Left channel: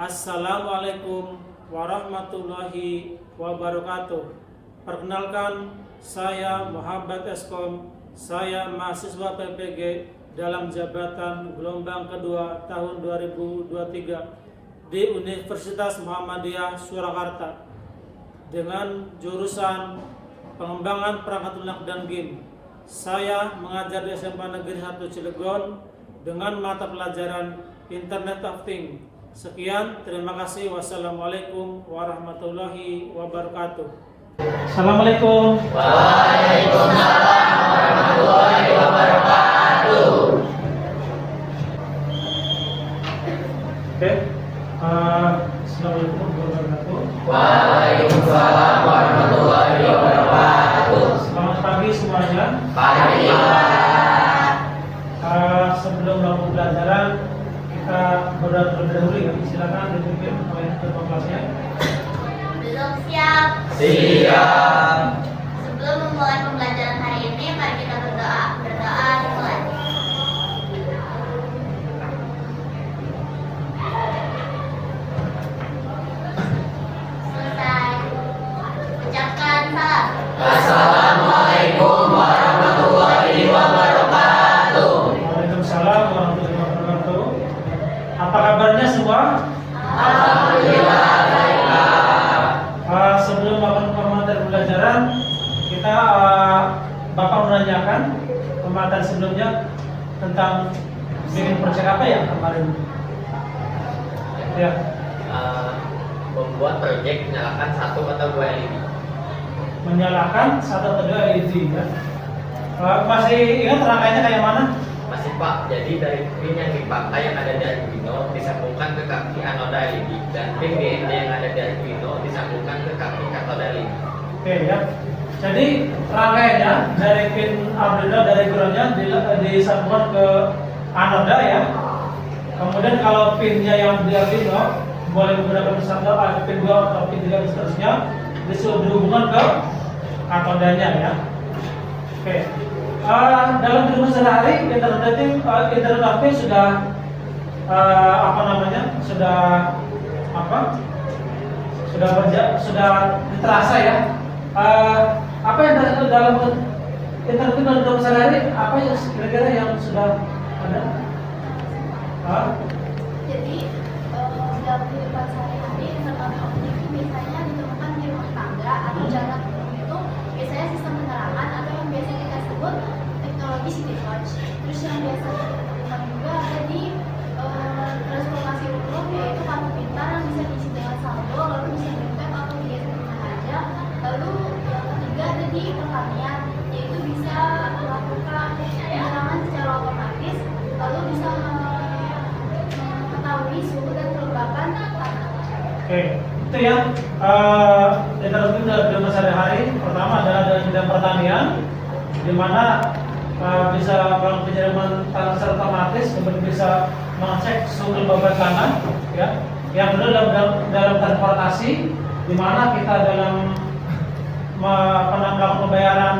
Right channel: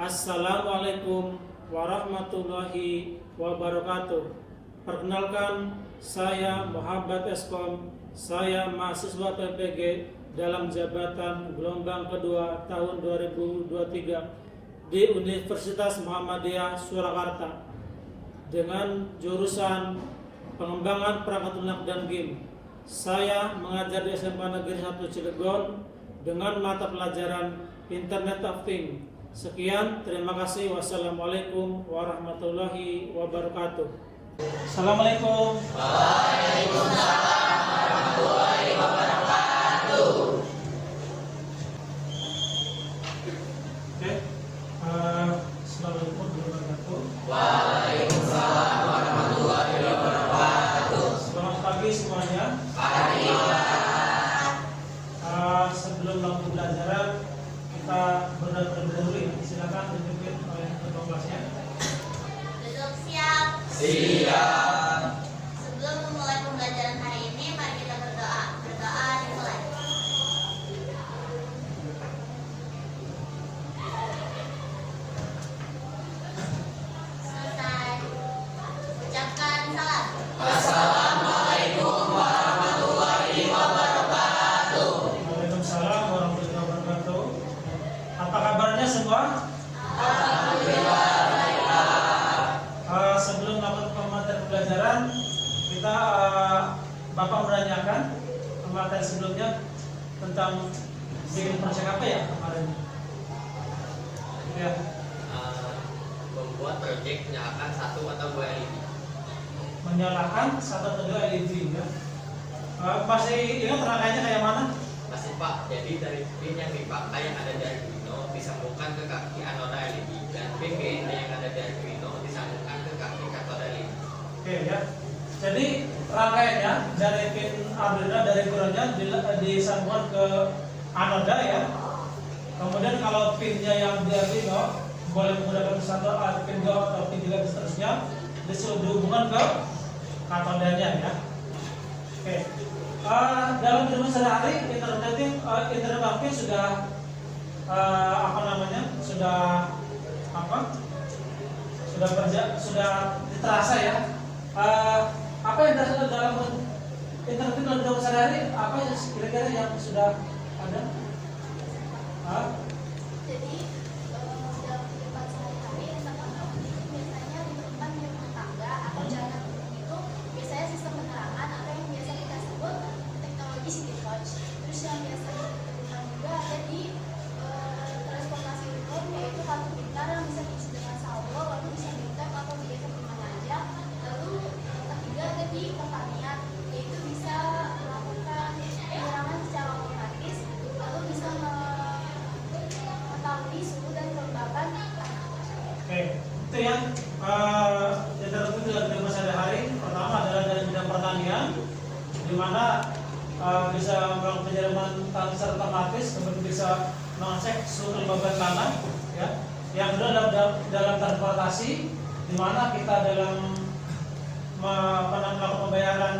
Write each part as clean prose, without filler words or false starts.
Assalamualaikum warahmatullahi wabarakatuh. Perkenalkan, saya Muhammad Eskom. Saya mahasiswa PPG dalam jabatan gelombang kedua tahun 2023 di Universitas Muhammadiyah Surakarta dengan jurusan pengembangan perangkat lunak dan game. Saya mengajar di SMA Negeri 1 Cilegon dengan mata pelajaran Internet of Things. Sekian, terima kasih. Wassalamualaikum warahmatullahi wabarakatuh. Assalamualaikum. Waalaikumsalam warahmatullahi wabarakatuh. Oke. Assalamualaikum warahmatullahi wabarakatuh. Waalaikumsalam warahmatullahi wabarakatuh. Selamat pagi semuanya. Pagi. Sebelum melakukan pembelajaran, kita berdoa terlebih dahulu ya. Silakan dipimpin oleh ketua kelasnya. Belum siap. Siap. Sebelum memulai pembelajaran hari ini, mari kita berdoa. Berdoa dimulai. Selesai. Ucapkan salam. Assalamualaikum warahmatullahi wabarakatuh. Waalaikumsalam warahmatullahi wabarakatuh. Apa kabarnya semua? Alhamdulillah baiklah. Sebelum melakukan materi pembelajaran, kita Bapak menanyakan materi sebelumnya tentang bikin proyek apa ya kemarin? Ya, Membuat proyek menyalakan 1 atau 2 LED. menyalakan 1 atau 2 LED ya. Masih ingat rangkaiannya kayak mana? Masih Pak, jadi dari pin yang dipakai yang ada di Arduino disambungkan ke kaki anoda LED dan pin GND yang ada di Arduino disambungkan ke kaki katoda LED. Oke ya. Jadi rangkaiannya dari pin Arduino dari groundnya disambungkan ke anoda ya. Kemudian kalau pinnya yang di Arduino boleh menggunakan standar pin 2 atau pin 3 dan seterusnya disuruh dihubungkan ke katodanya ya. Oke. Dalam kehidupan sehari-hari internet of things sudah sudah terasa ya. Apa yang dalam internet dalam kehidupan sehari-hari apa yang kira-kira yang sudah ada? Jadi, dalam kehidupan sehari-hari, internet of things biasanya ditemukan di rumah tangga atau jalan umum itu biasanya sistem penerangan atau yang biasa kita sebut teknologi city watch. Terus yang biasa kita temukan juga ada di transportasi umum, yaitu kartu pintar yang bisa diisi dengan saldo, lalu bisa ditap atau diisi di mana aja. Lalu yang ketiga ada di pertanian, yaitu bisa melakukan penyerangan secara otomatis, lalu bisa mengetahui suhu dan kelembapan tanah. Oke, itu ya. Internet itu dalam kehidupan sehari-hari. Pertama adalah dalam bidang pertanian, di mana bisa melakukan penyiraman tanah secara otomatis, kemudian bisa mengecek suhu kelembaban tanah. Ya. Yang kedua dalam transportasi, di mana kita dalam melakukan pembayaran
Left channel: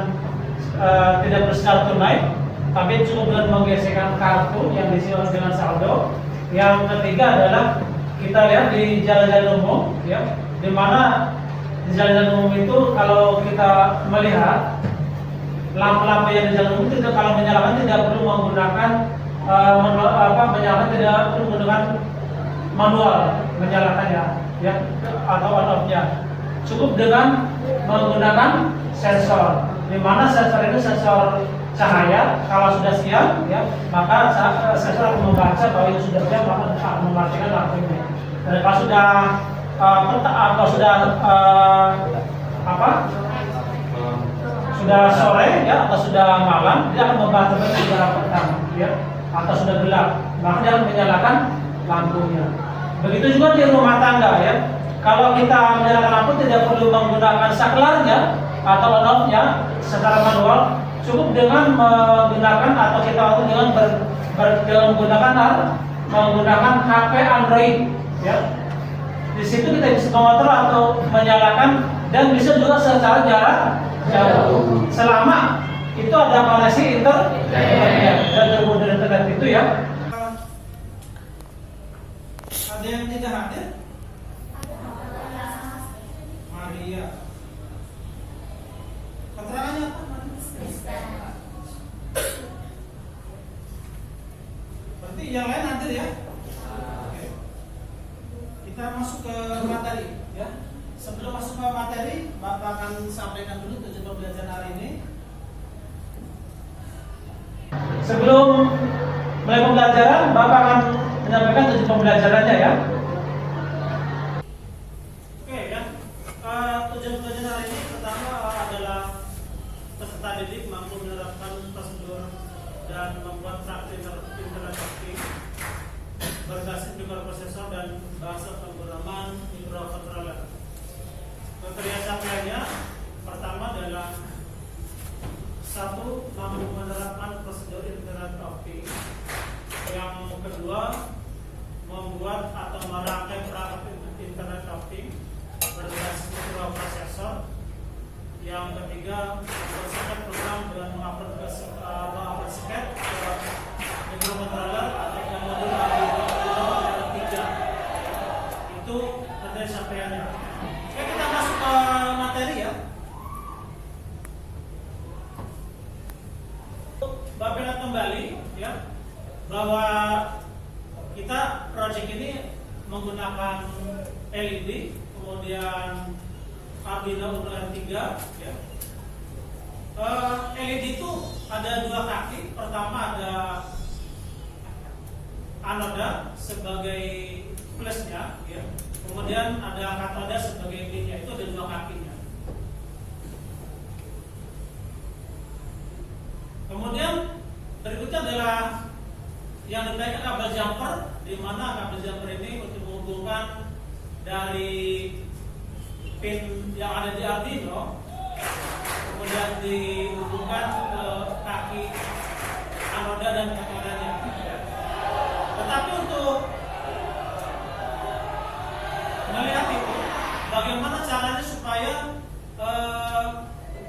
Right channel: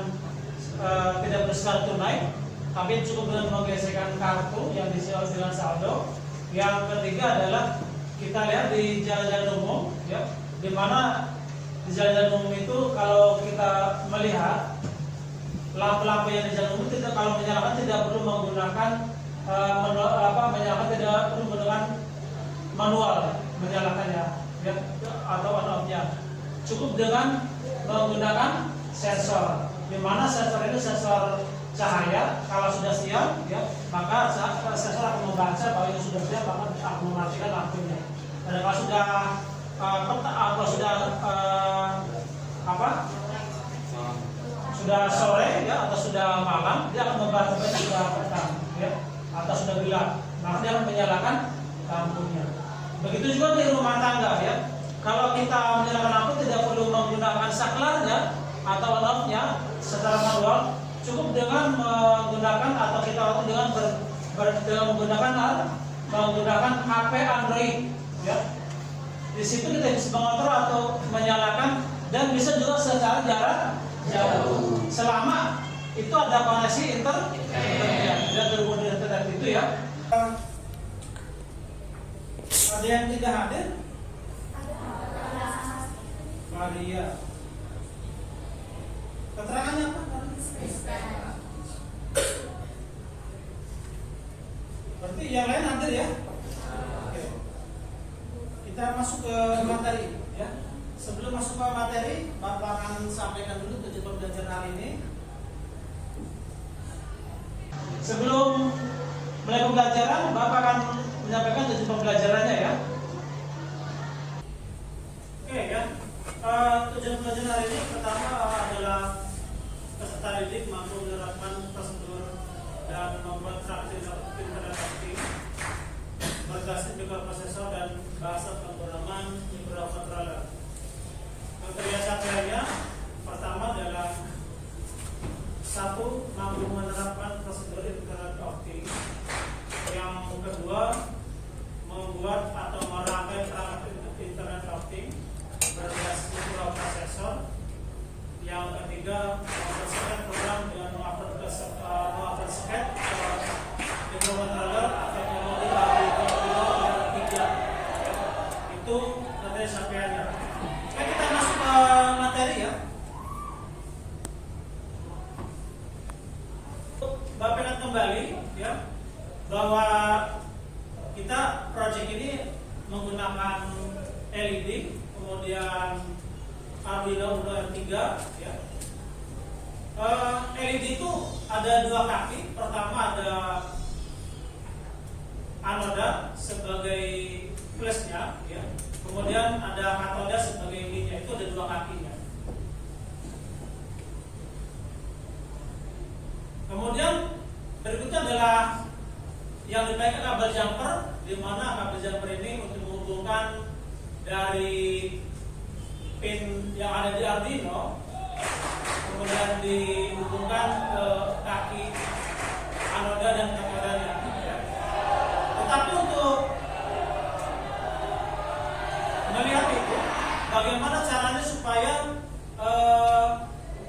tidak bersecara tunai, tapi cukup dengan menggeserkan kartu yang diisi dengan saldo. Yang ketiga adalah kita lihat di jalan-jalan umum, ya, di mana di jalan-jalan umum itu kalau kita melihat lampu-lampu yang di jalan umum itu kalau menyalakan tidak perlu menggunakan menyalakan tidak perlu menggunakan manual menyalakannya, ya, atau on-off-nya. Cukup dengan menggunakan sensor, di mana sensor itu sensor cahaya. Kalau sudah siap, ya, maka sensor akan membaca bahwa itu sudah siap, maka akan mematikan lampunya. Dan kalau sudah sore, ya, atau sudah malam, dia akan membaca sudah petang, ya, atau sudah gelap, maka dia akan menyalakan lampunya. Begitu juga di rumah tangga, ya. Kalau kita menyalakan lampu tidak perlu menggunakan saklarnya atau on-off-nya secara manual, cukup dengan menggunakan atau kita dengan menggunakan HP Android, ya. Di situ kita bisa mengontrol atau menyalakan dan bisa juga secara jarak jauh selama itu ada koneksi internet dan Itu ya. Ada yang tidak hadir? Maria. Keterangannya apa? Berarti yang lain hadir ya? Oke. Kita masuk ke materi ya. Sebelum masuk ke materi, Bapak akan sampaikan dulu tujuan pembelajaran hari ini. Sebelum mulai pembelajaran, Bapak akan menyampaikan tujuan pembelajarannya ya. Oke ya. Tujuan pembelajaran hari ini pertama adalah peserta didik mampu menerapkan prosedur dan membuat praktik internet banking berbasis mikroprosesor dan bahasa pemrograman microcontroller. Kriteria capaiannya pertama adalah satu, mampu menerapkan prosedur internet banking. Yang kedua, membuat atau merangkai perangkat internet banking berbasis mikroprosesor. Yang ketiga, mempersiapkan program dengan mengaplikasikan microcontroller atau modul Arduino yang 3. Itu nanti sampaiannya. Oke, kita masuk ke materi ya. Bapak ingat kembali ya bahwa kita project ini menggunakan LED, kemudian Arduino Uno yang 3 ya. LED itu ada dua kaki. Pertama ada anoda sebagai plusnya ya. Kemudian ada katoda sebagai minusnya. Itu ada dua kakinya. Kemudian berikutnya adalah yang dipakai kabel jumper, di mana kabel jumper ini untuk menghubungkan dari pin yang ada di Arduino, kemudian dihubungkan ke kaki anoda dan katodanya. Tetapi untuk melihat itu, bagaimana caranya supaya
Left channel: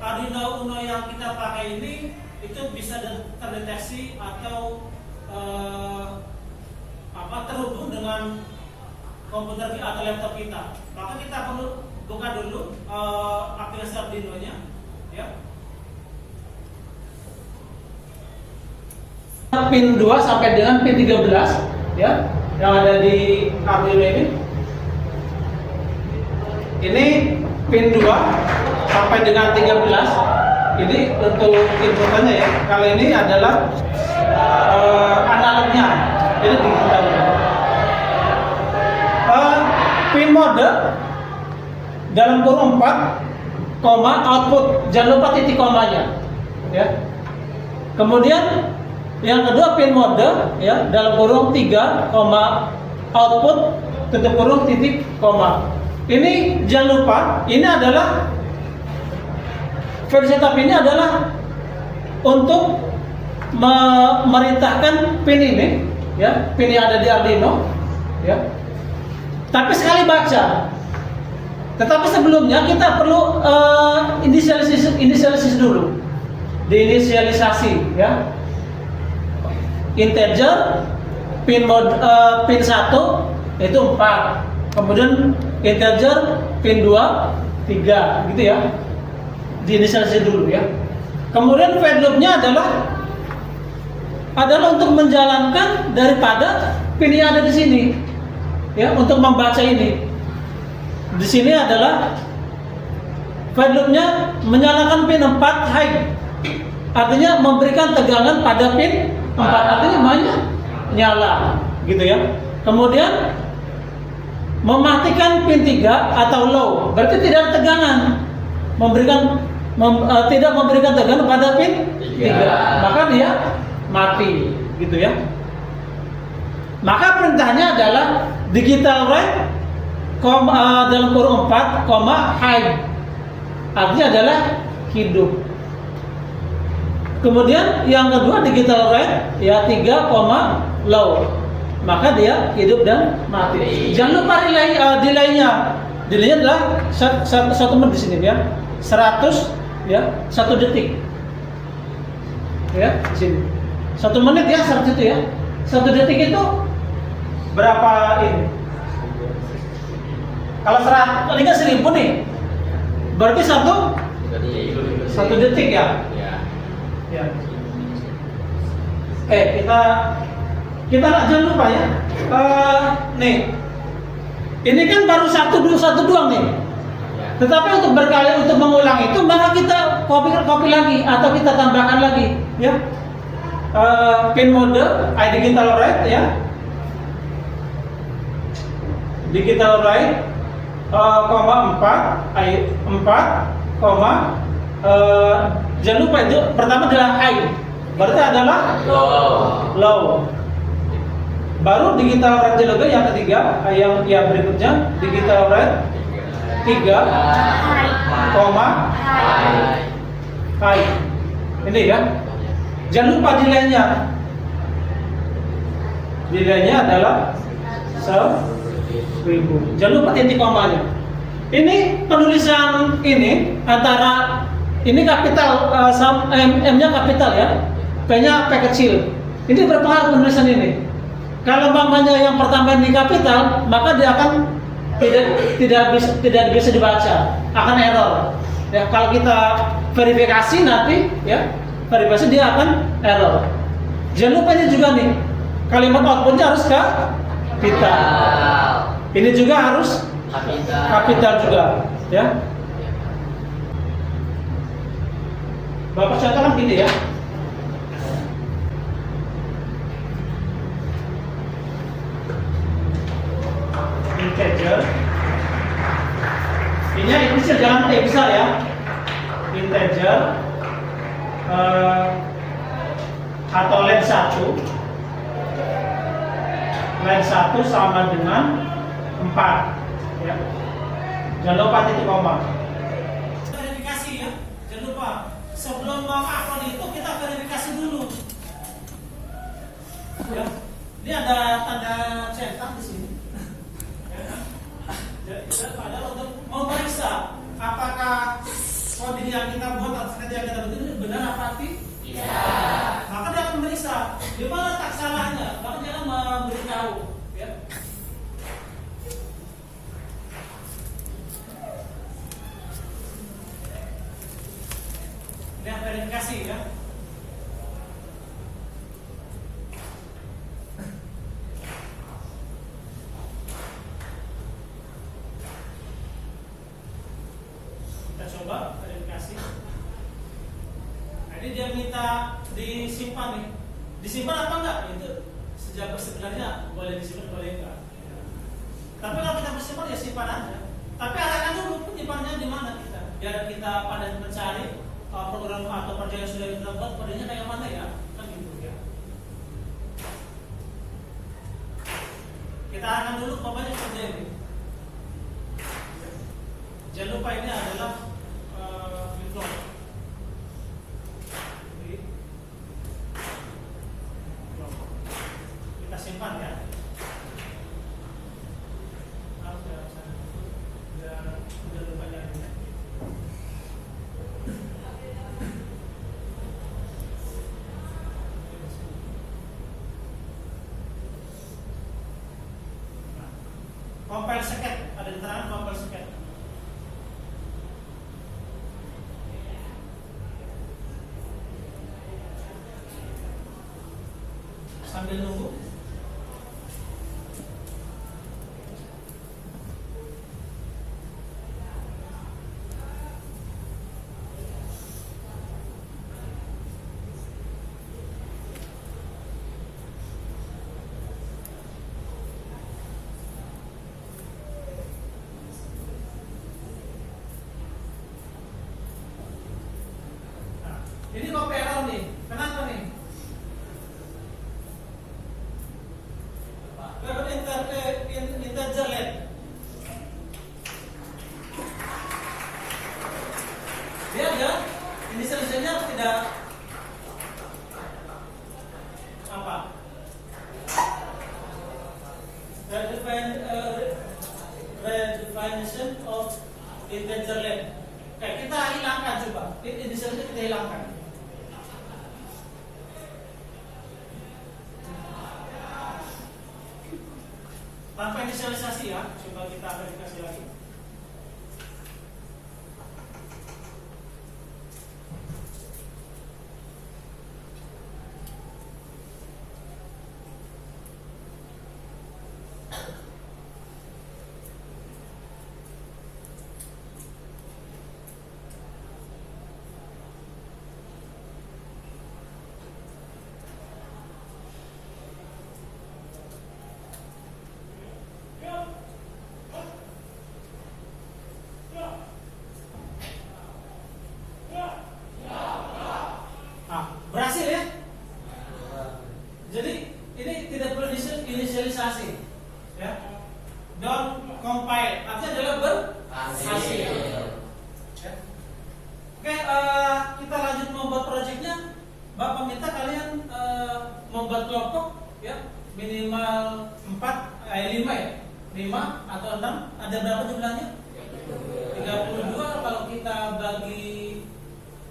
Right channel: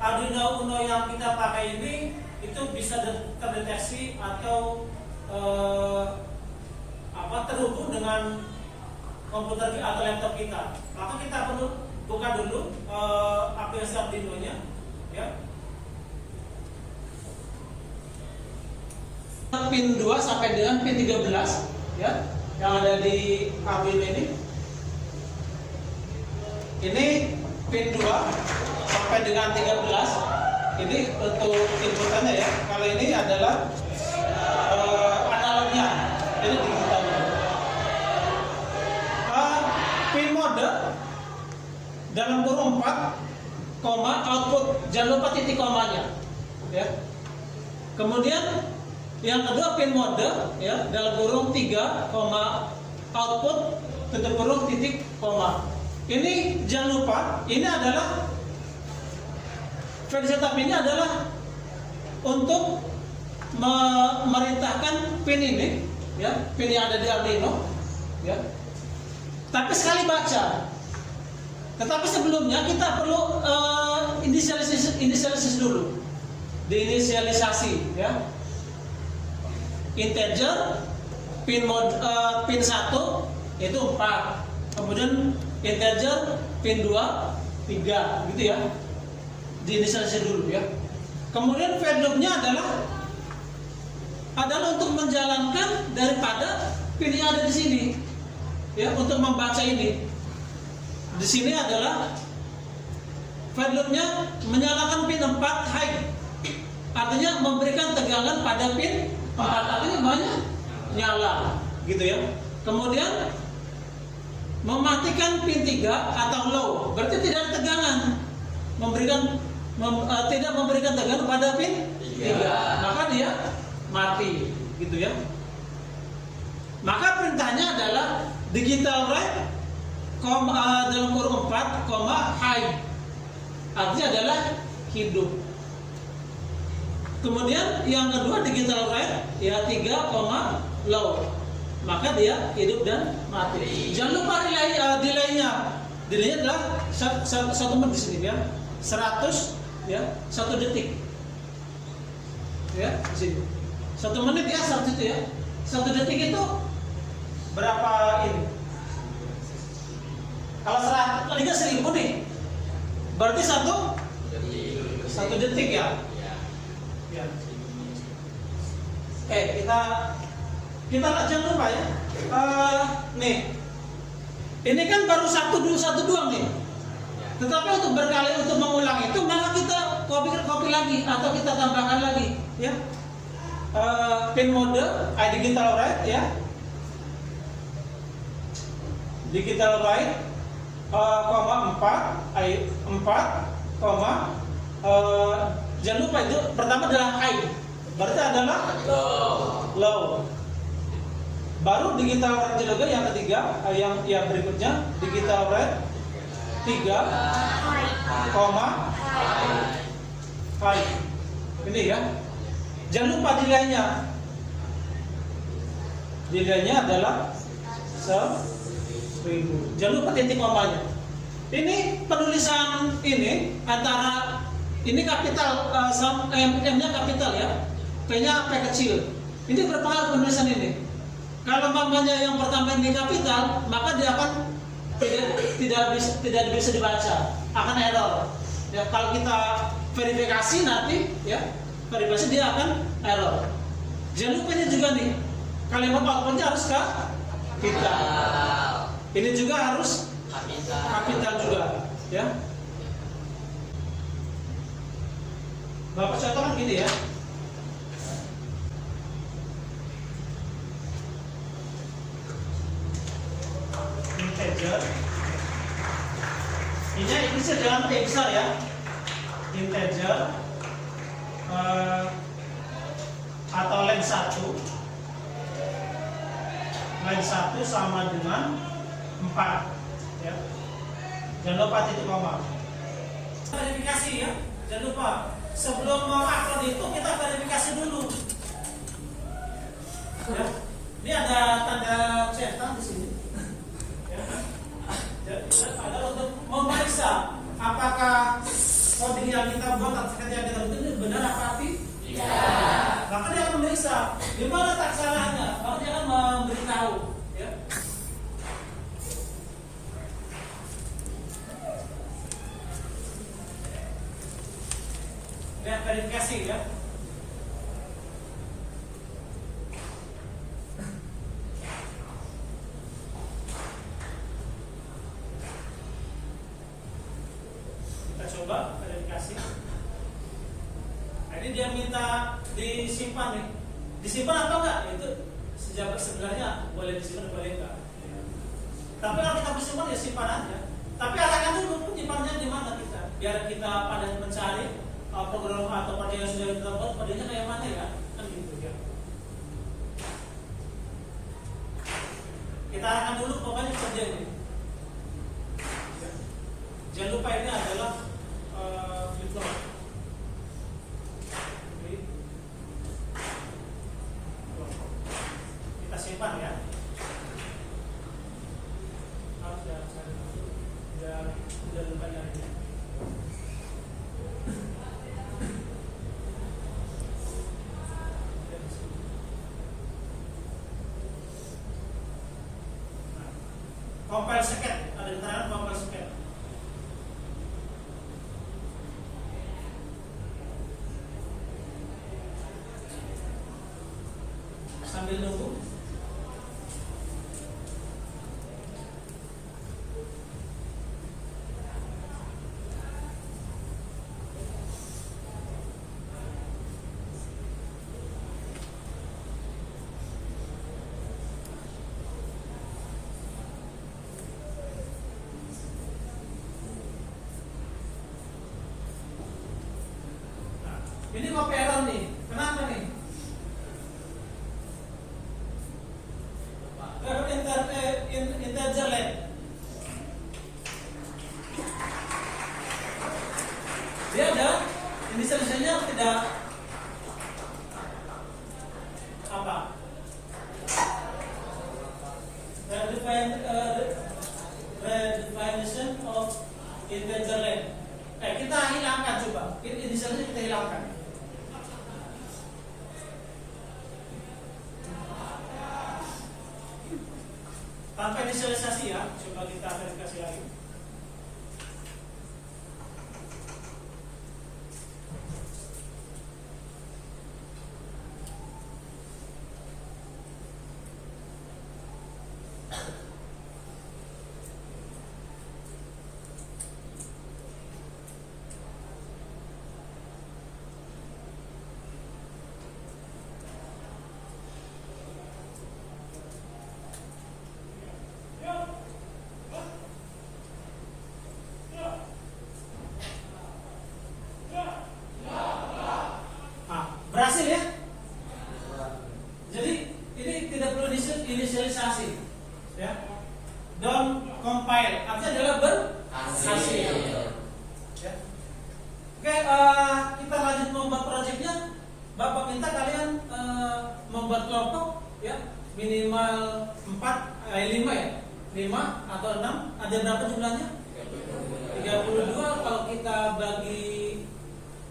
Arduino Uno yang kita pakai ini itu bisa terdeteksi atau terhubung dengan komputer kita atau laptop kita. Maka kita perlu buka dulu aplikasi Arduino-nya ya. Pin 2 sampai dengan pin 13 ya yang ada di Arduino ini. Ini pin 2 sampai dengan 13. Ini untuk inputannya ya. Kali ini adalah analognya. Ini digitalnya. Pin mode dalam kurung 4, output, jangan lupa titik komanya ya. Kemudian yang kedua pin mode ya dalam kurung 3, output tutup kurung titik koma. Ini jangan lupa, ini adalah file setup ini adalah untuk memerintahkan pin ini ya, pin yang ada di Arduino ya. Tapi sekali baca. Tetapi sebelumnya kita perlu inisialisasi dulu. Diinisialisasi ya. Integer pin 1 itu 4. Kemudian integer pin 2 3 gitu ya. Diinisialisasi dulu ya. Kemudian fade loop-nya adalah untuk menjalankan daripada pin yang ada di sini. Ya, untuk membaca ini. Di sini adalah fade loop-nya menyalakan pin 4 high. Artinya memberikan tegangan pada pin 4, artinya nyala gitu ya. Kemudian mematikan pin 3 atau low, berarti tidak ada tegangan. Tidak memberikan tegangan pada pin 3, maka dia mati gitu ya. Maka perintahnya adalah digital write dalam kurung 4, high. Artinya adalah hidup. Kemudian yang kedua digital write ya 3, low. Maka dia hidup dan mati. Jangan lupa delay-nya. Delay-nya adalah 1 menit di sini ya. 100 ya, 1 detik. Ya, di sini. 1 menit ya 100 itu ya. 1 detik itu berapa ini? Kalau 100, ini kan 1000 nih. Berarti 1 detik ya? Ya. Ya. Kita jangan lupa ya. Nih. Ini kan baru satu doang nih. Tetapi untuk berkali untuk mengulang itu maka kita copy lagi atau kita tambahkan lagi ya. Pin mode digital write ya. Digital write 4 jangan lupa itu pertama adalah high. Berarti adalah low. Baru digital write juga yang ketiga, yang berikutnya digital write 3, high. Ini ya. Jangan lupa delaynya. Delaynya adalah 1000. Jangan lupa titik komanya. Ini penulisan ini antara ini kapital M-nya kapital ya. P-nya P kecil. Ini berpengaruh penulisan ini. Kalau umpamanya yang pertama ini kapital, maka dia akan tidak bisa dibaca, akan error. Ya, kalau kita verifikasi nanti, ya verifikasi dia akan error. Jangan lupa ini juga nih, kalimat outputnya harus kapital. Ini juga harus kapital juga, ya. Bapak contohkan gini ya. Integer. Ini inisial jangan besar ya. Integer atau len 1 sama dengan 4 ya. Jangan lupa titik koma. Verifikasi ya. Jangan lupa sebelum upload itu kita verifikasi dulu. Ya. Ini ada tanda centang di sini. Adalah untuk memeriksa apakah coding yang kita buat atau yang kita buat ini benar apa tidak. Maka dia akan memeriksa di mana letak salahnya, maka dia akan memberitahu. Ya. Dan verifikasi ya. Coba verifikasi. Nah, ini dia minta disimpan nih. Disimpan apa enggak? Itu sebenarnya boleh disimpan boleh enggak. Tapi kalau kita bersimpan ya simpan aja. Tapi arahkan dulu penyimpanannya di mana kita. Biar kita pada mencari program atau project yang sudah kita buat kodenya kayak mana ya. Kan gitu ya. Kita arahkan dulu pokoknya seperti ini. Jangan lupa ini adalah flip-flop. Kita simpan ya. Udah lupanya ini. Compile second, ada di tangan compile second. Sambil nunggu. Nah, ini kok error nih. Kenapa nih? Integer len. Dia ada inisialnya tidak apa? Redefinition of integer len. Kita hilangkan coba. Inisialnya kita hilangkan. Tanpa inisialisasi ya, coba kita verifikasi lagi. Berhasil ya? Jadi ini tidak perlu inisialisasi ya. Don't compile, artinya adalah berhasil ya. Oke, kita lanjut membuat proyeknya. Bapak minta kalian membuat kelompok ya, minimal 5 ya, 5 atau 6. Ada berapa jumlahnya? 32. Kalau kita bagi,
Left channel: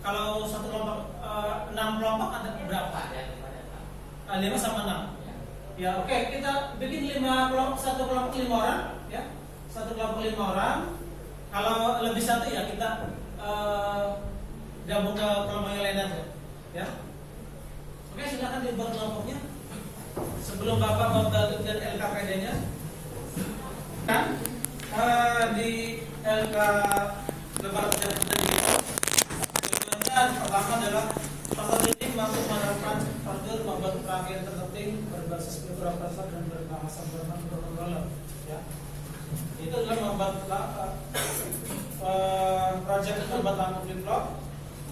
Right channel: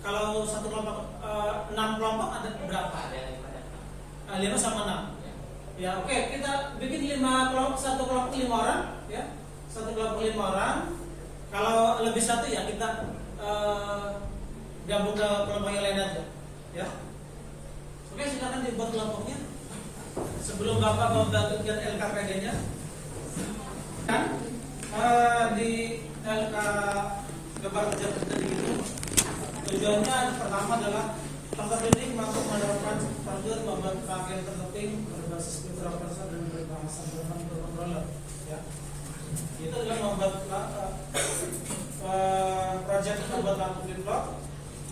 kalau satu kelompok 6 kelompok ada berapa? 5 sama 6. Ya, oke, kita bikin 5 kelompok, satu kelompok 5 orang, ya. Satu kelompok 5 orang. Kalau lebih satu ya kita gabung ke kelompok yang lain aja, ya. Oke, silakan dibuat kelompoknya. Sebelum Bapak membagikan LKPD-nya, kan di LK Lebaran ini tujuannya pertama adalah peserta didik mampu menerapkan prosedur membuat terakhir terpenting berbasis program dasar dan berbahasa Jerman berkontroler. Ya, itu adalah membuat proyek itu membuat lampu flip-flop.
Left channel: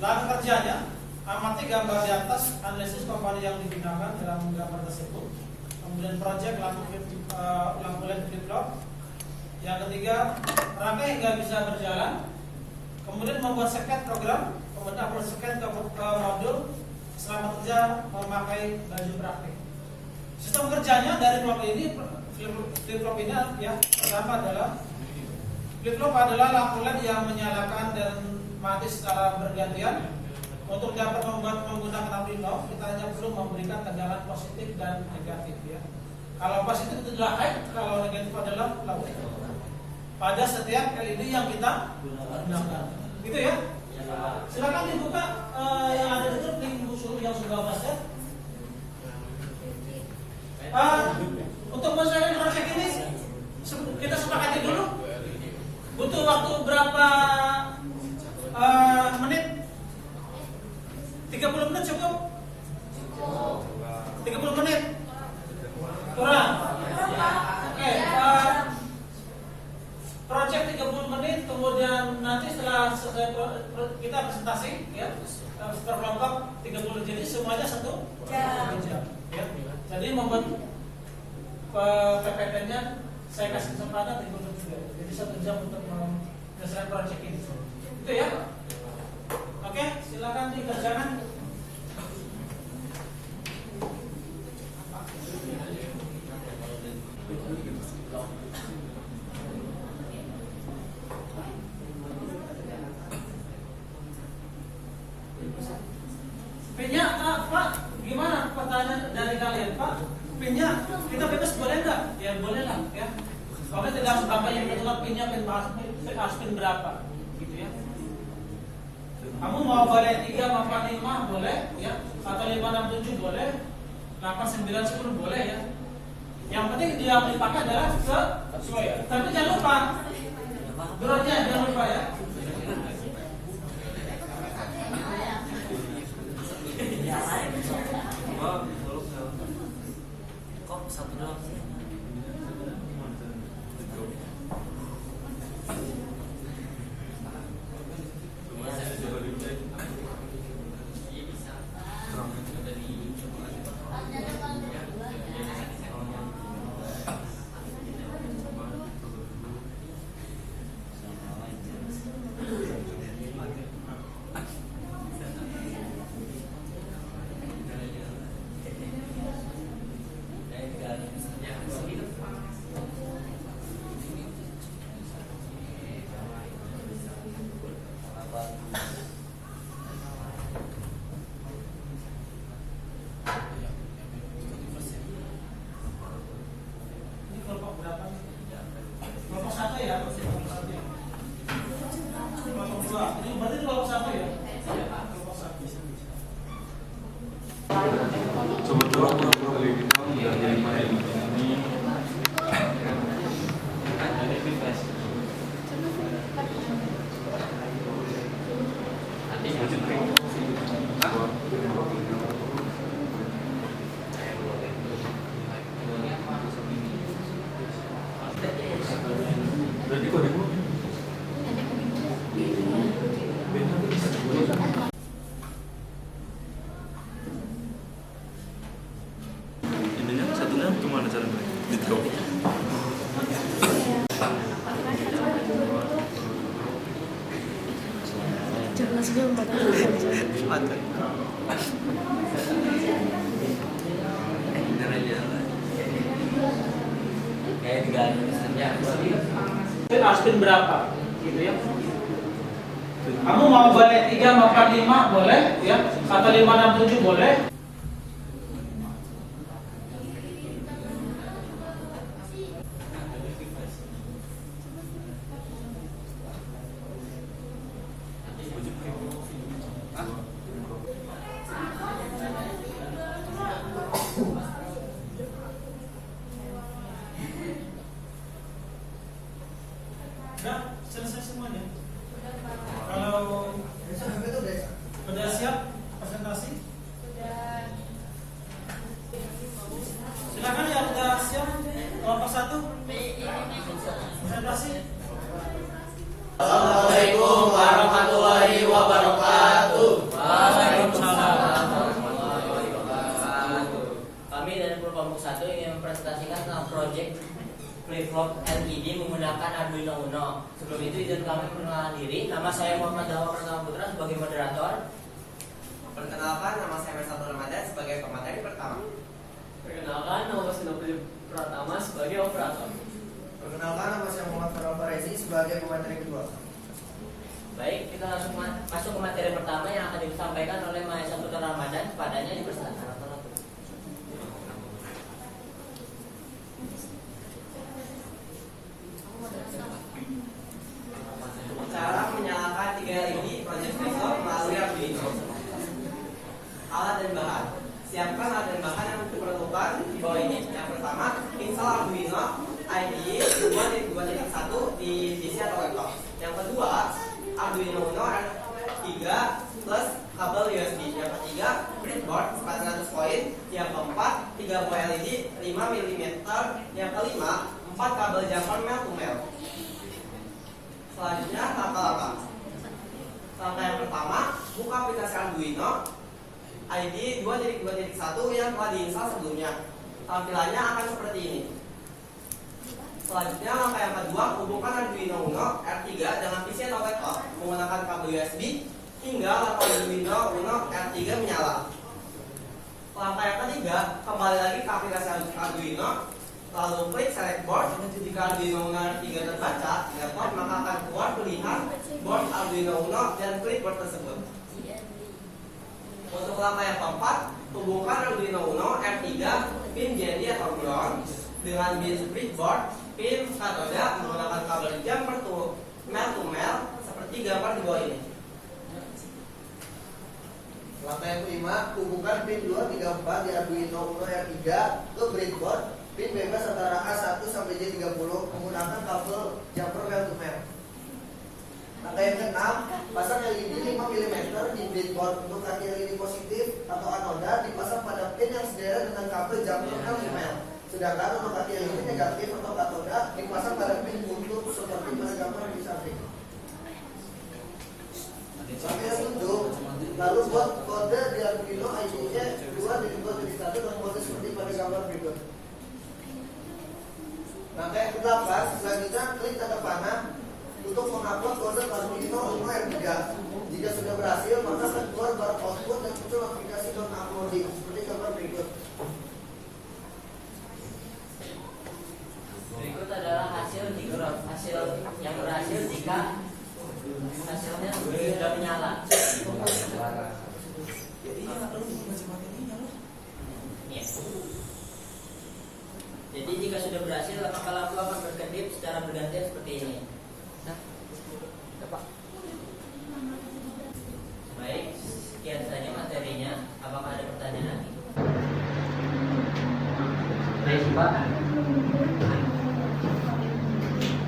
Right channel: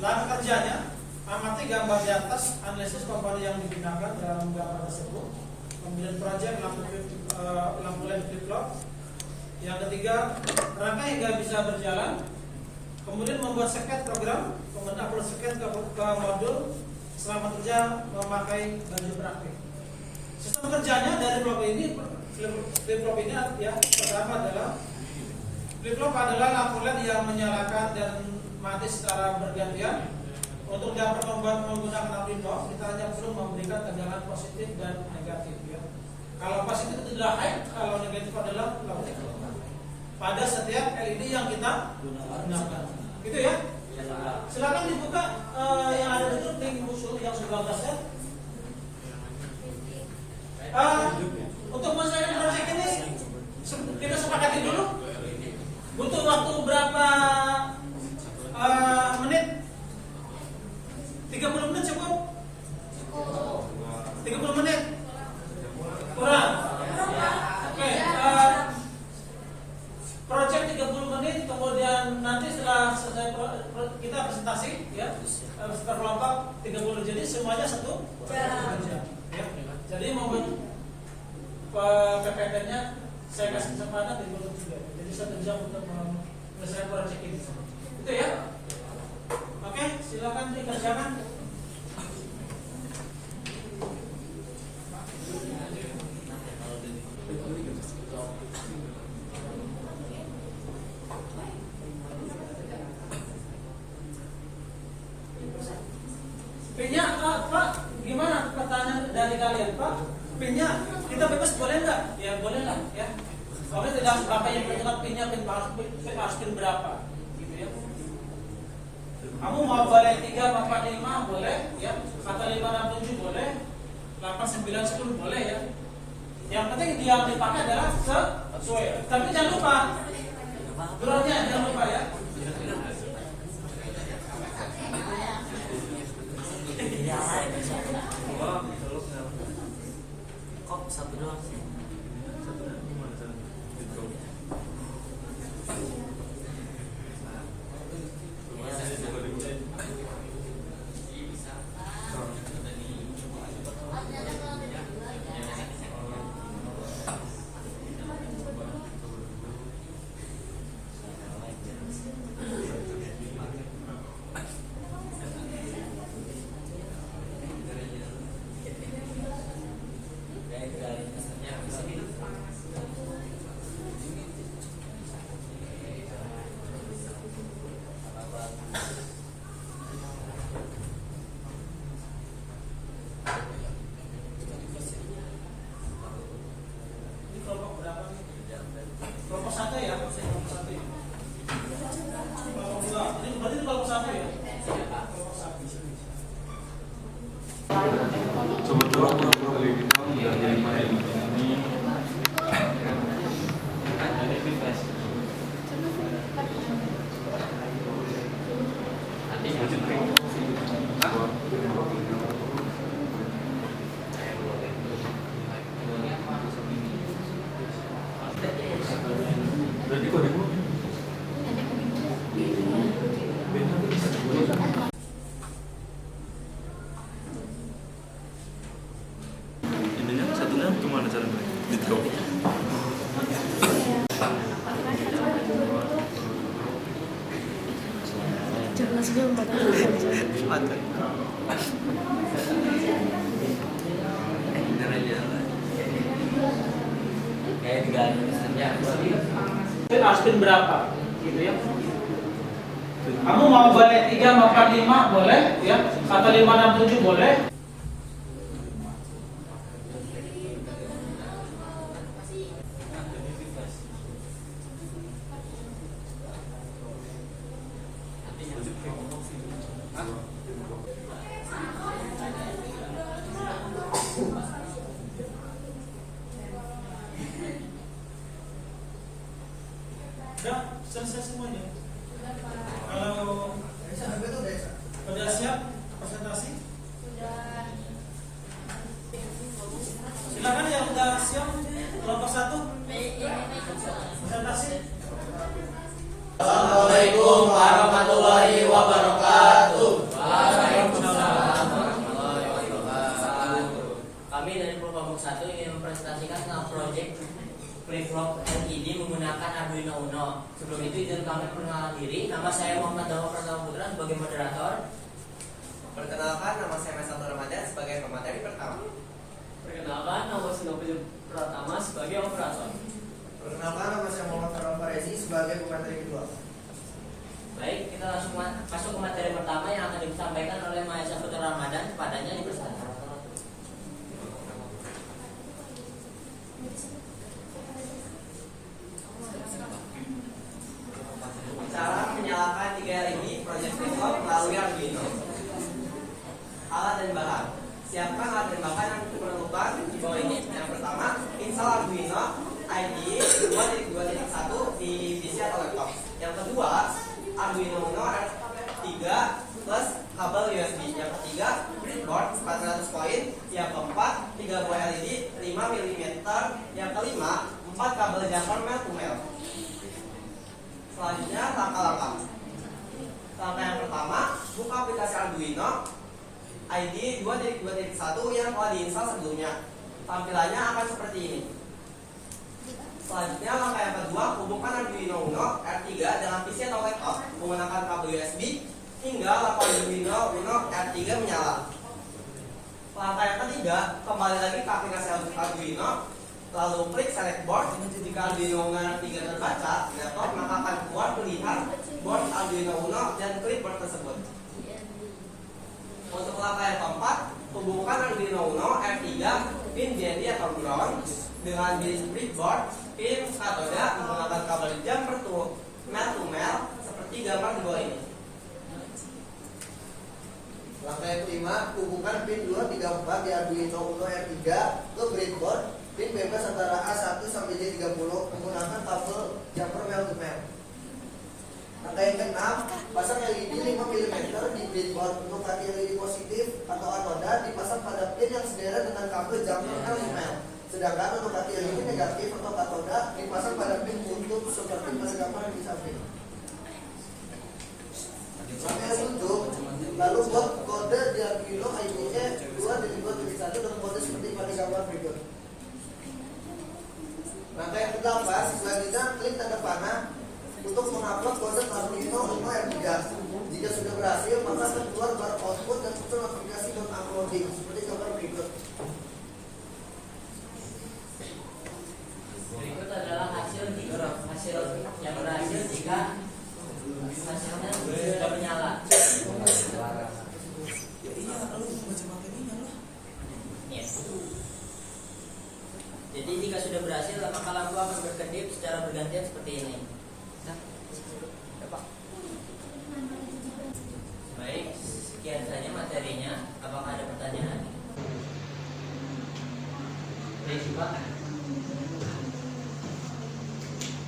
Langkah kerjanya: amati gambar di atas, analisis komponen yang digunakan dalam gambar tersebut. Kemudian proyek lampu LED flip-flop. Yang ketiga, rangkai hingga bisa berjalan. Kemudian membuat seket program, kemudian upload seket ke modul. Selama kerja memakai baju praktik. Sistem kerjanya dari flip-flop ini ya, pertama adalah flip-flop adalah lampu LED yang menyalakan dan mati secara bergantian. Untuk dapat menggunakan lampu ini, kita hanya perlu memberikan tegangan positif dan negatif ya. Kalau positif itu adalah high, kalau negatif adalah low. Pada setiap LED yang kita gunakan, gitu ya. Silakan dibuka yang ada di grup link musuh yang sudah berhasil. Untuk menjalani proyek ini kita sepakati dulu. Butuh waktu berapa menit? 30 menit cukup? 30 menit? Kurang? Oke, proyek 30 menit, kemudian nanti setelah selesai kita presentasi ya, per kelompok 30, jadi semuanya 1 jam ya. Jadi membuat PPT-nya saya kasih kesempatan 30 menit, jadi 1 jam untuk menyelesaikan proyek ini. Itu ya. Oke, silakan dikerjakan. Pinnya, Pak, gimana pertanyaan dari kalian, Pak? Pinnya kita bebas boleh nggak? Ya boleh lah, ya. Kalau tidak harus berapa yang menentukan pinnya, harus pin berapa, gitu ya. Kamu mau boleh 3, 4, 5 boleh, ya. Atau 5, 6, 7 boleh, 8, 9, 10 boleh ya. Yang penting yang dipakai adalah sesuai. Tapi jangan lupa, durasinya jangan lupa ya. Kok satu doang sih? gimana cara mulai? Gitu. Jelas belum pada Ada. Bener aja. Kayak diganti saja. Aspin berapa? Gitu ya. Kamu mau balik 3 makan 5 boleh ya. Kata 5 6 7 boleh. Udah selesai semuanya. Kalau sudah siap presentasi? Sudah kan yang sudah siap kelompok 1 presentasi? Assalamualaikum warahmatullahi wabarakatuh. Kami dari kelompok 1 ingin mempresentasikan tentang proyek flip-flop LED menggunakan Arduino Uno. Sebelum itu izin kami perkenalan diri. Nama saya Muhammad Dawah Pratama Putra sebagai moderator. Perkenalkan, nama saya Mesatul Ramadan sebagai pemateri pertama. Perkenalkan, nama saya Nopil Pratama sebagai operator. Perkenalkan, nama saya Muhammad Farah Farezi sebagai pemateri kedua. Baik, kita langsung masuk ke materi pertama yang akan disampaikan oleh Mahesa Putra Ramadan. Kepadanya dipersilakan. Cara menyalakan 3 LED proyek flip-flop melalui Arduino. Alat dan bahan. Siapkan alat dan bahan yang diperlukan di bawah ini. Yang pertama, install Arduino IDE 2.2.1 di PC atau laptop. Yang kedua, Arduino Uno R3 plus kabel USB. Yang ketiga, breadboard 400 poin. Yang keempat, 3 buah LED 5 mm. Yang kelima, 4 kabel jumper male to male. Selanjutnya langkah-langkah. Langkah yang pertama, buka aplikasi Arduino ID 2.2.1 yang telah diinstal sebelumnya. Tampilannya akan seperti ini. Selanjutnya langkah yang kedua, hubungkan Arduino Uno R3 dengan PC atau laptop menggunakan kabel USB hingga laptop Arduino Uno R3 menyala. Langkah yang ketiga, kembali lagi ke aplikasi Arduino, lalu klik select board. Jika Arduino Uno R3 terbaca di laptop, maka akan keluar pilihan board Arduino Uno dan klik board tersebut. Untuk langkah yang keempat, hubungkan Arduino Uno R3 pin JD atau ground dengan pin breadboard pin katoda menggunakan kabel jumper to male seperti gambar di bawah ini. Langkah yang kelima, hubungkan pin 234 di Arduino Uno R3 ke breadboard pin bebas antara A1 sampai J30 menggunakan kabel jumper male to male. Langkah yang keenam, pasang LED 5 mm di breadboard. Untuk hati LED positif atau anoda dipasang pada pin yang sederet dengan kabel jumper male to male. Sedangkan untuk hati LED negatif atau katoda dipasang pada pin buntut seperti pada gambar di samping. Langkah yang ketujuh, lalu buat kode di Arduino ID-nya 2.2.1 dengan kode seperti pada gambar berikut. Langkah yang ke-8, selanjutnya klik tanda panah untuk mengupload kode Arduino Uno R3. Jika sudah berhasil, maka akan keluar bar output dan muncul aplikasi uploading seperti gambar berikut. Berikut adalah hasil yang berhasil jika hasilnya sudah menyala. Jadi jika sudah berhasil, maka lampu akan berkedip secara bergantian seperti ini. Baik, sekian saja materinya. Apakah ada pertanyaan? Baik, Pak.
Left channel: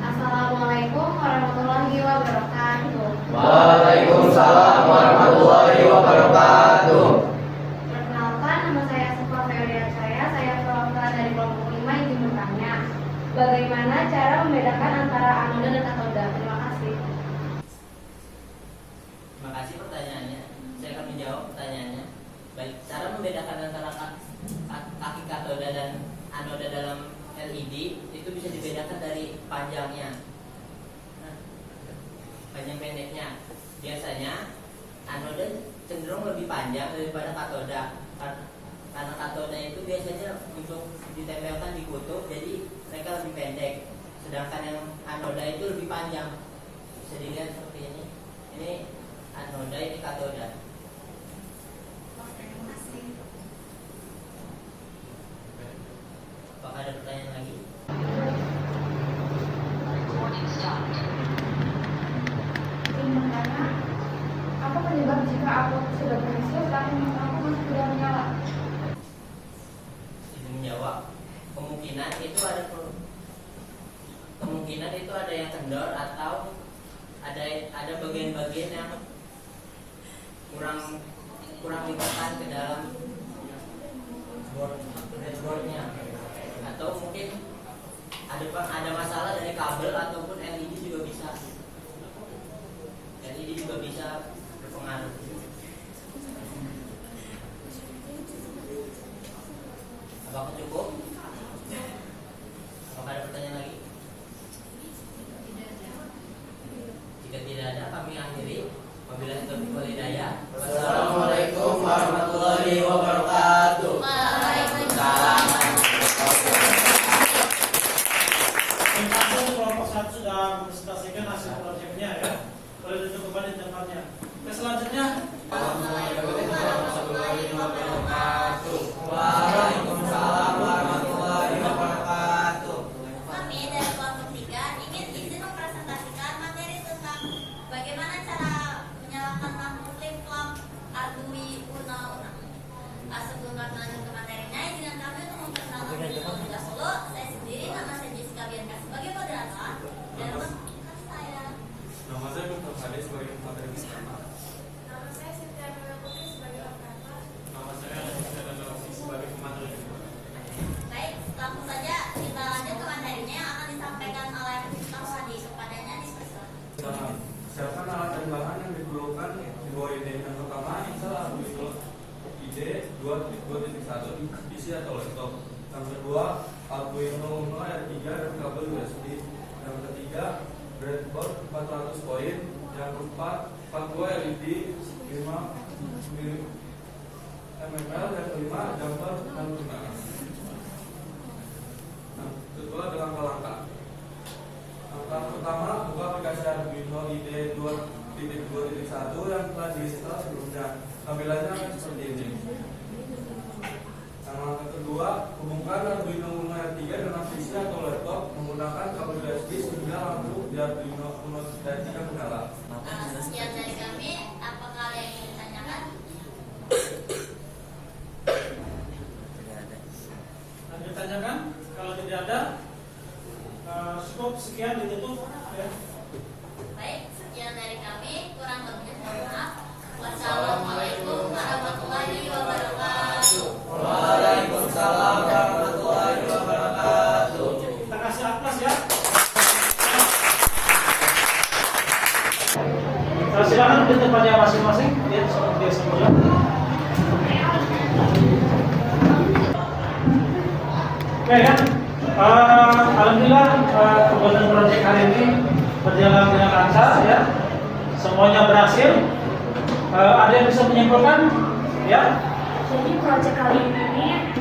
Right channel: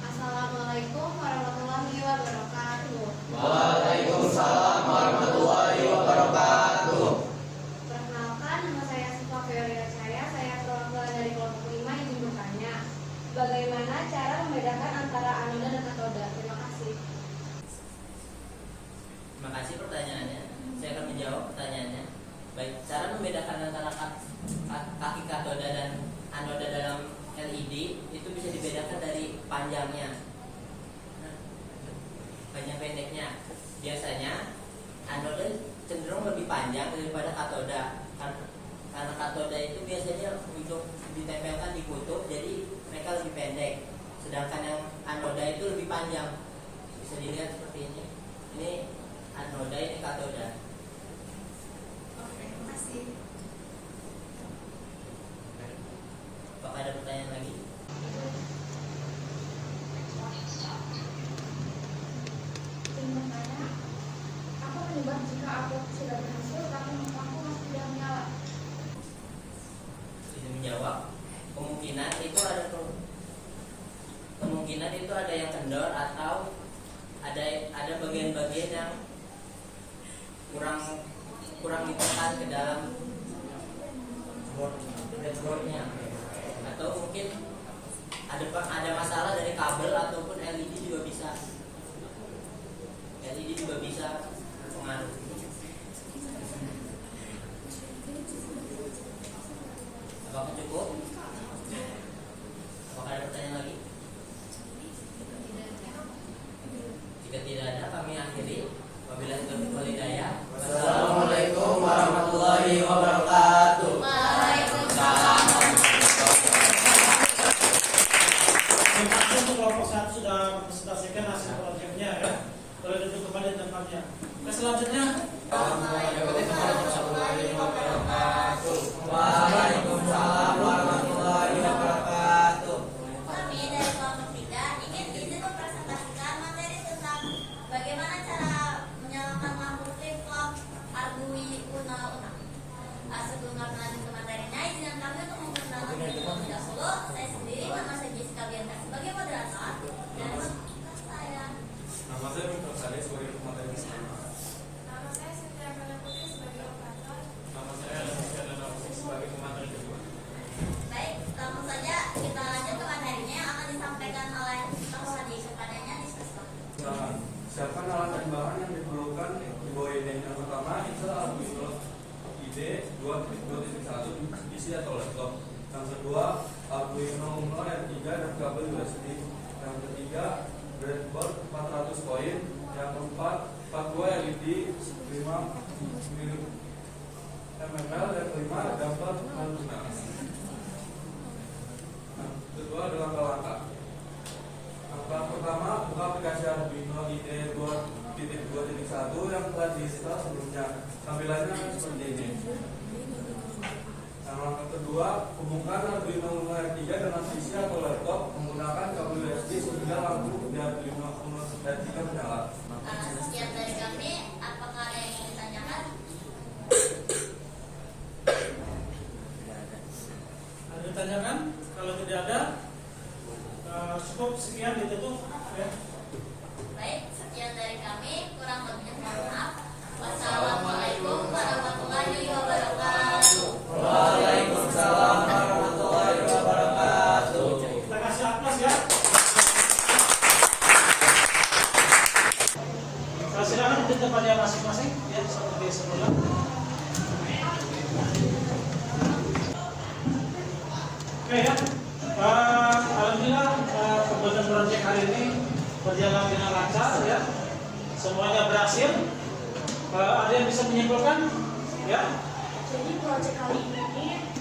Assalamualaikum warahmatullahi wabarakatuh. Waalaikumsalam warahmatullahi wabarakatuh. Perkenalkan, nama saya Sufa Feodia saya perwakilan dari kelompok 5 yang ingin bertanya, bagaimana cara membedakan antara anoda dan katoda? Terima kasih. Terima kasih pertanyaannya. Saya akan menjawab pertanyaannya. Baik, cara membedakan antara kaki katoda dan anoda dalam LED itu bisa dibedakan dari panjangnya, panjang pendeknya. Biasanya anoda cenderung lebih panjang daripada katoda, karena katoda itu biasanya untuk ditempelkan di kutub, jadi mereka lebih pendek. Sedangkan yang anoda itu lebih panjang. Bisa dilihat seperti ini. Ini anoda, ini katoda. Apakah ada pertanyaan lagi? Ingin bertanya, apa penyebab jika aku sudah berhasil tapi aku masih tidak menyala? Izin menjawab. Kemungkinan itu ada yang kendor atau ada bagian-bagian yang kurang ditekan ke dalam breadboardnya, atau mungkin ada masalah dari kabel ataupun LED juga bisa. LED juga bisa berpengaruh. Apakah cukup? Apakah ada pertanyaan lagi? Jika tidak ada, kami akhiri. Wabillahi taufiq wal hidayah. Assalamualaikum warahmatullahi wabarakatuh. Waalaikumsalam. Untuk kelompok 1 sudah presentasikan hasil proyeknya ya. Boleh duduk kembali di tempatnya. Oke, selanjutnya. Waalaikumsalam warahmatullahi wabarakatuh. Kami dari kelompok 3 ingin izin mempresentasikan materi tentang bagaimana cara menyalakan lampu flip-flop Arduino Uno. Sebelum kami lanjut ke materinya, izinkan kami untuk memperkenalkan diri terlebih dahulu. Saya sendiri, nama saya Jessica Bianca sebagai moderator, dan untuk saya. Nama saya Dr. Sade sebagai pemateri bersama. Nama saya Sintia Putri sebagai operator. Nama saya Alisa Danausi sebagai pemateri kedua. Baik, langsung saja kita lanjut ke materinya yang akan disampaikan oleh Dr. Sadi. Kepadanya dipersilakan. Siapkan alat dan bahan yang diperlukan di bawah ini. Yang pertama, install Arduino IDE 2.2.1 PC atau laptop. Yang kedua, Arduino Uno R3 dan kabel USB. Yang ketiga, breadboard 400 poin. Yang keempat, 42 LED 5 ml. Dan kelima, gambar menggunakan. Nah, kedua adalah langkah-langkah. Langkah pertama, buka aplikasi Arduino IDE 2.2.1 yang telah diinstal sebelumnya. Tampilannya seperti ini. Yang langkah kedua, hubungkan Arduino Uno R3 dengan PC atau laptop menggunakan kabel USB sehingga lampu di Arduino Uno R3 menyala. Sekian dari kami. Apakah ada yang ingin ditanyakan? Ada ditanyakan? Kalau tidak ada, cukup sekian ditutup ya. Baik, sekian dari kami. Kurang lebihnya mohon maaf. Wassalamualaikum warahmatullahi wabarakatuh. Waalaikumsalam warahmatullahi wabarakatuh. Kita kasih aplaus ya. Silakan di tempatnya masing-masing ya, seperti biasa pula. Oke ya, alhamdulillah kegiatan proyek hari ini berjalan dengan lancar ya, semuanya berhasil. Ada yang bisa menyimpulkan ya? Jadi proyek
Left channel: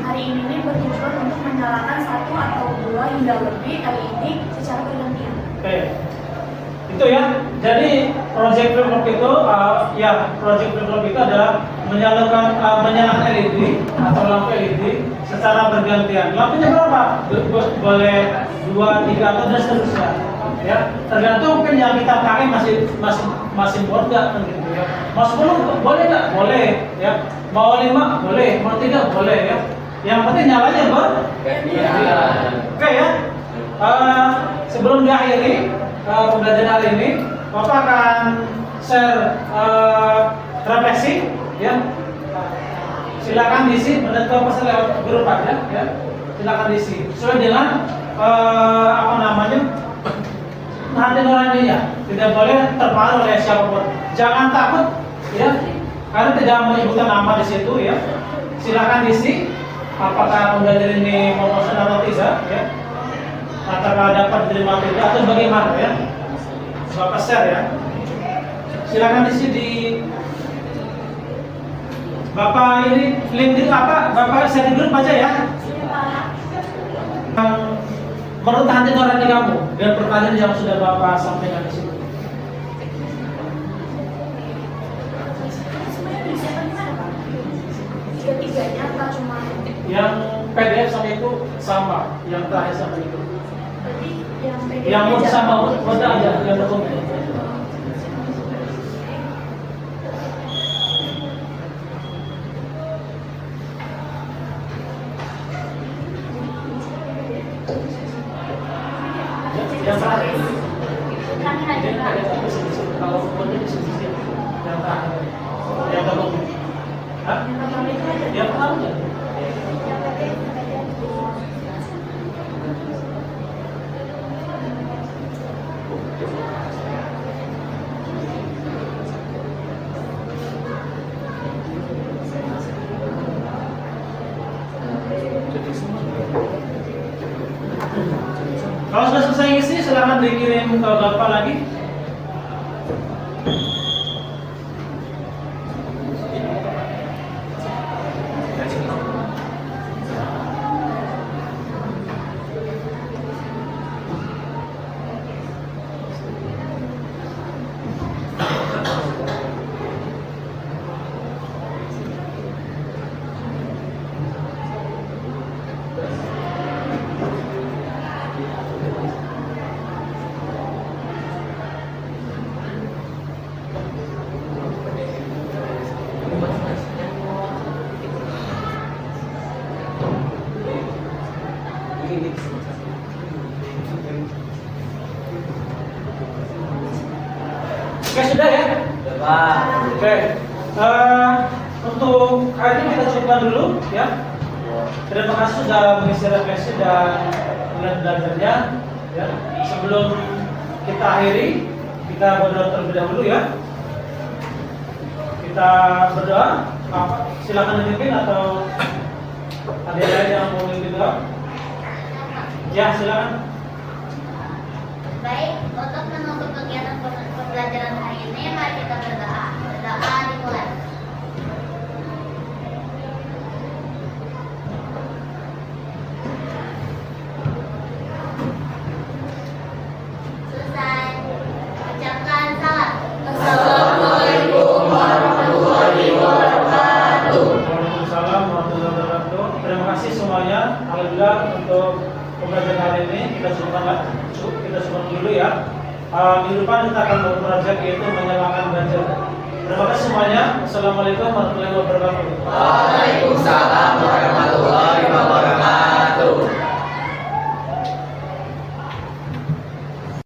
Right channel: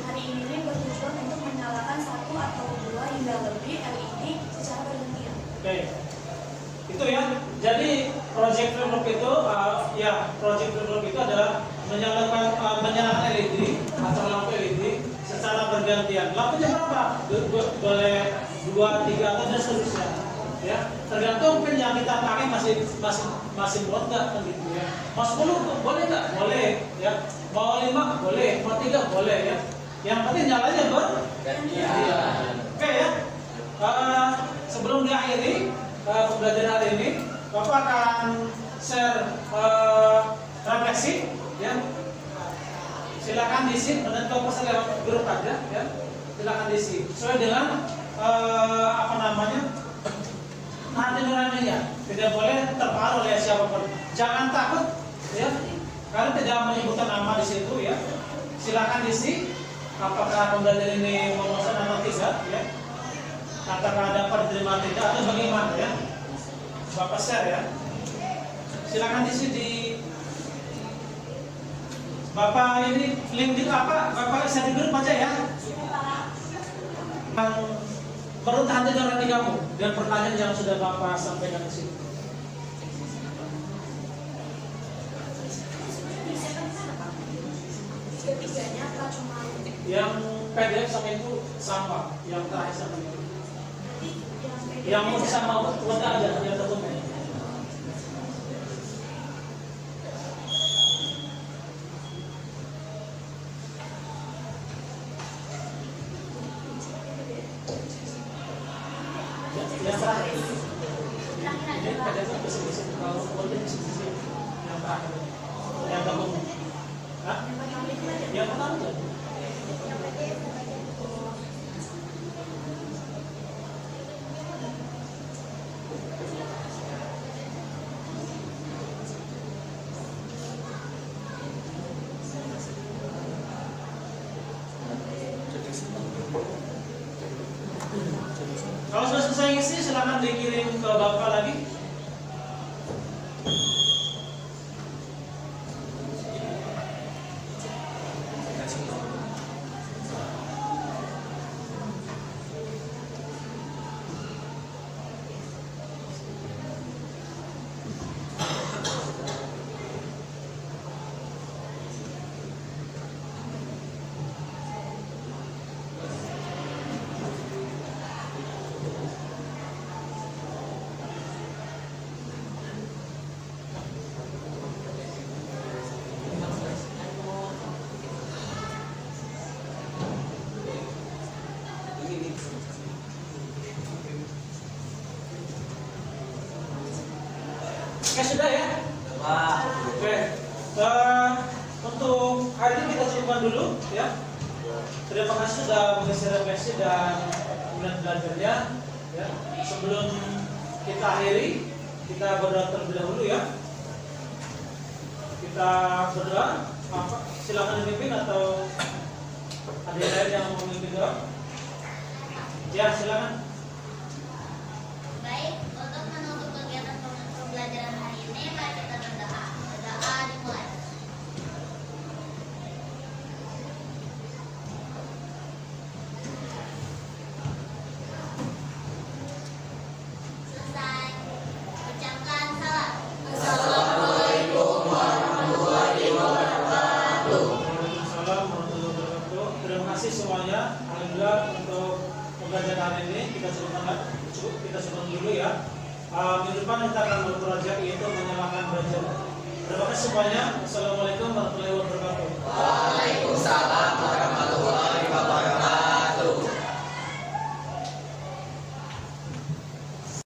hari ini bertujuan untuk menyalakan 1 atau 2 hingga lebih LED secara bergantian. Oke, itu ya. Jadi proyek flip-flop itu proyek flip-flop itu adalah menyalakan LED atau lampu LED secara bergantian. Lampunya berapa? Boleh 2, 3 atau dan seterusnya. Ya, tergantung pin yang kita pakai masih buat nggak kan gitu ya. Mau 10 boleh nggak? Boleh ya. Mau 5 boleh, mau 3 boleh ya. Yang penting nyalanya bergantian. Oke ya. Sebelum diakhiri pembelajaran hari ini, Bapak akan share refleksi ya. Silakan diisi, menurut Bapak lewat grup aja ya. Silakan diisi sesuai dengan hati nuraninya, tidak boleh terpengaruh oleh siapapun. Jangan takut ya, karena tidak menyebutkan nama di situ ya. Silakan diisi apakah pembelajaran ini mau pesan ya, apakah dapat diterima atau tidak atau bagaimana ya? Bapak share ya. Silakan isi di Bapak ini link di apa? Bapak share di grup aja ya. Menurut hati nurani kamu dan pertanyaan yang sudah Bapak sampaikan di sini. Ketiganya apa cuma Yang PDF sama itu sama, yang terakhir sama itu. berarti yang PDF Yang Word aja? sama Word aja, yang dokumen. Yang terakhir. Terakhir aja, Yang Pak. PDF itu di sini. Kalau Word itu di sini. Yang terakhir. Yang dokumen. Hah? Yang pertama aja. Kalau sudah selesai ngisi, silakan dikirim ke Bapak lagi. Oke, sudah ya? Oke. Untuk hari ini kita cukupkan dulu ya. Terima kasih sudah mengisi refleksi dan belajarnya ya. Sebelum kita akhiri, kita berdoa terlebih dahulu ya. Kita berdoa. Silakan memimpin atau ada yang lain yang mau memimpin doa? Ya, silakan. Baik, untuk menutup kegiatan pembelajaran hari ini, mari kita berdoa. Berdoa dimulai. Selesai. Ucapkan salam. Assalamualaikum warahmatullahi wabarakatuh. Waalaikumsalam warahmatullahi wabarakatuh. Terima kasih semuanya. Alhamdulillah untuk pembelajaran hari ini kita cukupkan dulu ya. Minggu depan kita akan berprojek yaitu menyalakan banjir. Terima kasih semuanya. Assalamualaikum warahmatullahi wabarakatuh. Waalaikumsalam warahmatullahi